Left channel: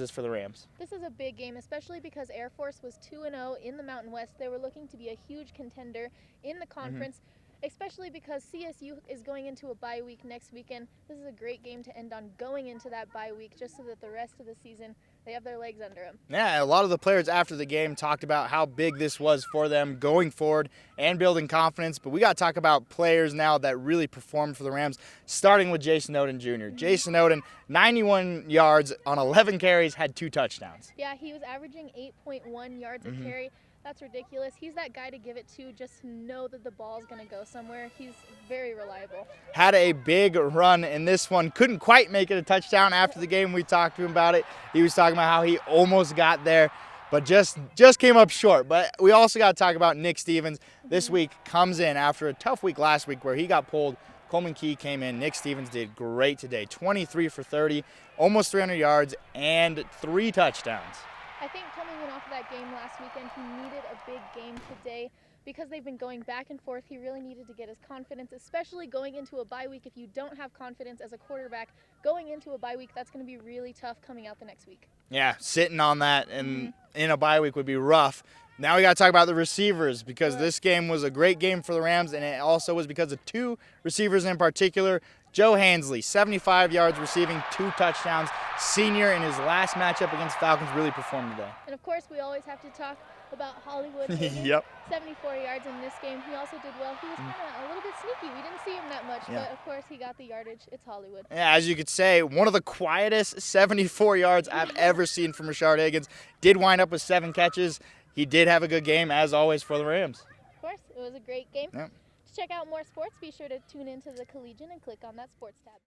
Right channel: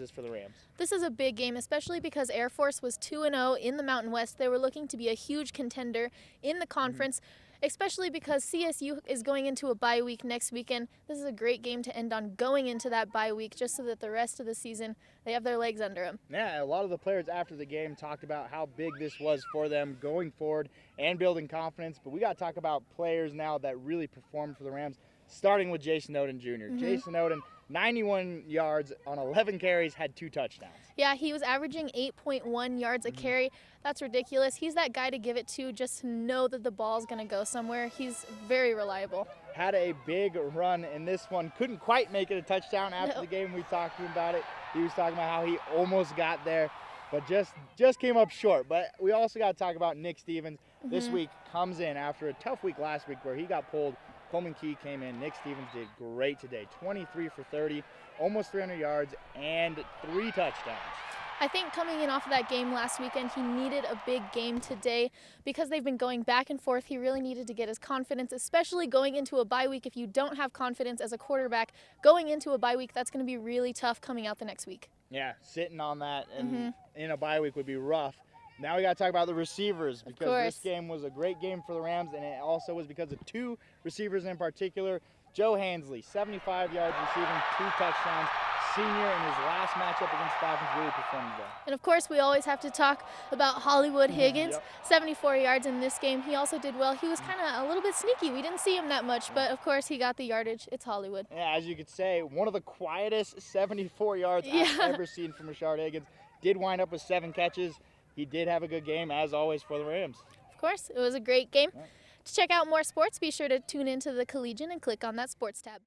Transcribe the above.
this for the Rams? This is a big game, especially because Air Force was 2-0 in the Mountain West. They were looking to be a huge contender in the conference, especially because CSU is going into a bye week next weekend. This is a great game to end on going into that bye week, just so that the rest of the season they have their legs under them. Yeah, a lot of the players after the game talked about how big this was for them going forward and building confidence. But we got to talk about players now that really performed for the Rams, starting with Jason Oden Jr. Jason Oden, 91 yards on 11 carries, had 2 touchdowns. Yeah, he was averaging 8.1 yards a carry. That's ridiculous. He's that guy to give it to, just to know that the ball's going to go somewhere. He's very reliable. Had a big run in this one. Couldn't quite make it a touchdown. After the game, we talked to him about it. He was talking about how he almost got there, but just came up short. But we also got to talk about Nick Stevens. This week comes in after a tough week last week where he got pulled. Coleman Key came in. Nick Stevens did great today. 23 for 30, almost 300 yards, and 3 touchdowns. I think coming in off of that game last weekend, he needed a big game today because they've been going back and forth. He really needed to get his confidence, especially going into a bye week. If you don't have confidence as a quarterback going into a bye week, that's going to be really tough coming out the next week. Yeah, sitting on that and in a bye week would be rough. Now we got to talk about the receivers because this game was a great game for the Rams, and it also was because of 2 receivers in particular. Joe Hansley, 75 yards receiving, 2 touchdowns. Senior in his last matchup against Falcons really performed today. And of course, we always have to talk about Hollywood Higgins. 74 yards in this game. He also did well. He was kind of a little bit sneaky. We didn't see him that much, but of course he got the yardage. It's Hollywood. Yeah, as you could say, one of the quietest 74 yards I've ever seen from Rashard Higgins. Did wind up with 7 catches. He did have a good game, as always, for the Rams. Of course, it was a great game. To check out more sports, be sure to tune into the Collegian and click on that sports tab.